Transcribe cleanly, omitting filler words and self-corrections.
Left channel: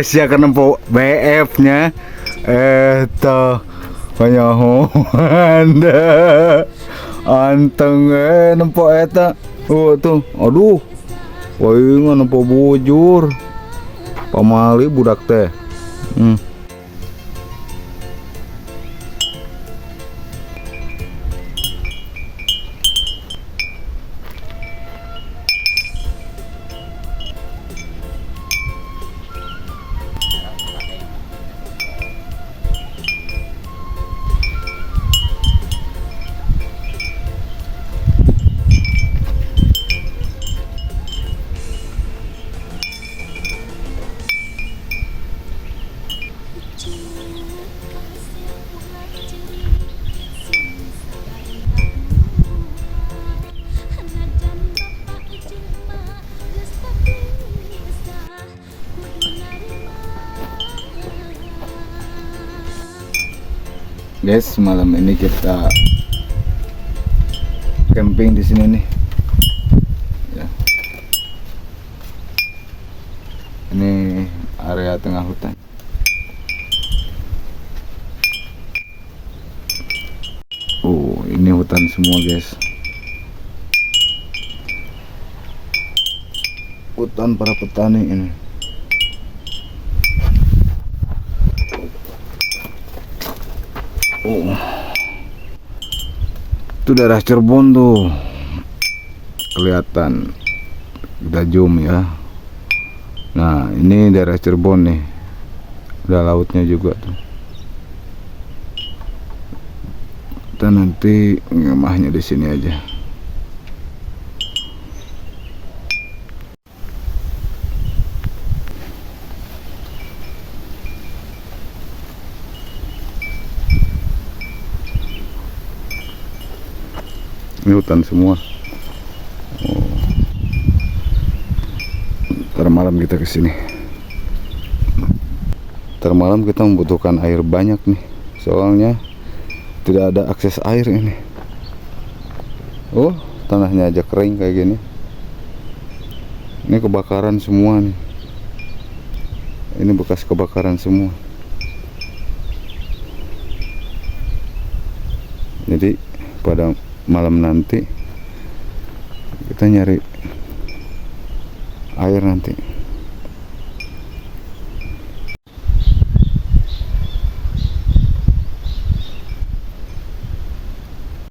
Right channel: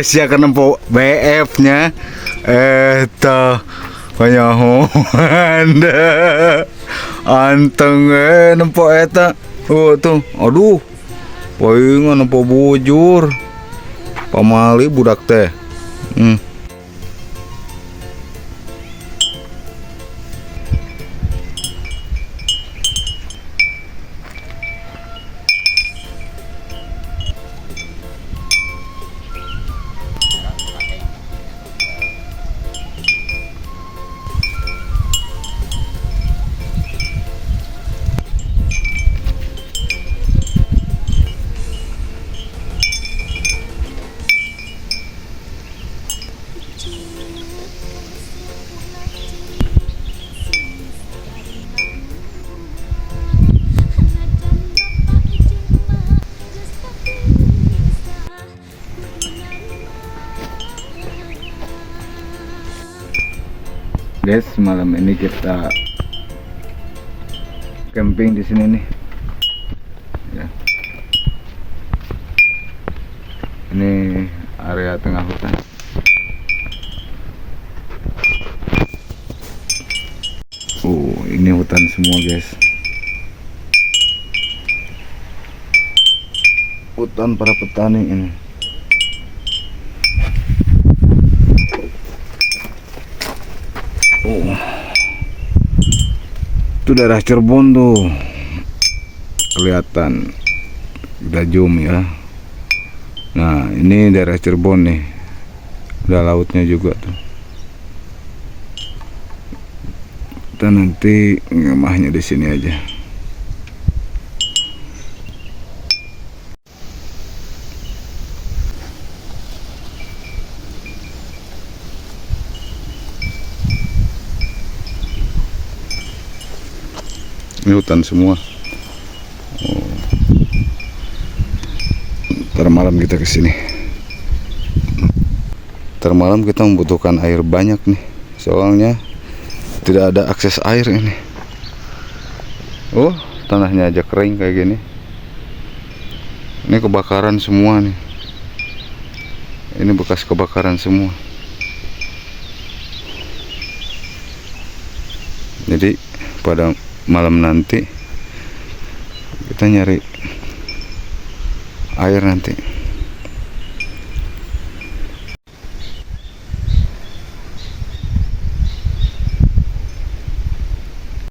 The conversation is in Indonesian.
Siya kan nempo BF-nya. Toh kaya Anda anteng nempo eta. Oh tuh, aduh. Palingan nempo bujur. Pamali budak teh. Guys, malam ini kita camping di sini nih. Ya. Ini area tengah hutan. Ini hutan semua, guys. Hutan para petani ini. Itu daerah Cirebon tuh, kelihatan kita zoom ya. Nah, ini daerah Cirebon nih, ada lautnya juga tuh. Kita nanti ngemahnya di sini aja. Ini hutan semua. Ntar malam kita kesini. Ntar malam kita membutuhkan air banyak nih, soalnya tidak ada akses air ini. Tanahnya aja kering kayak gini. Ini kebakaran semua nih. Ini bekas kebakaran semua. Jadi pada malam nanti kita nyari air nanti.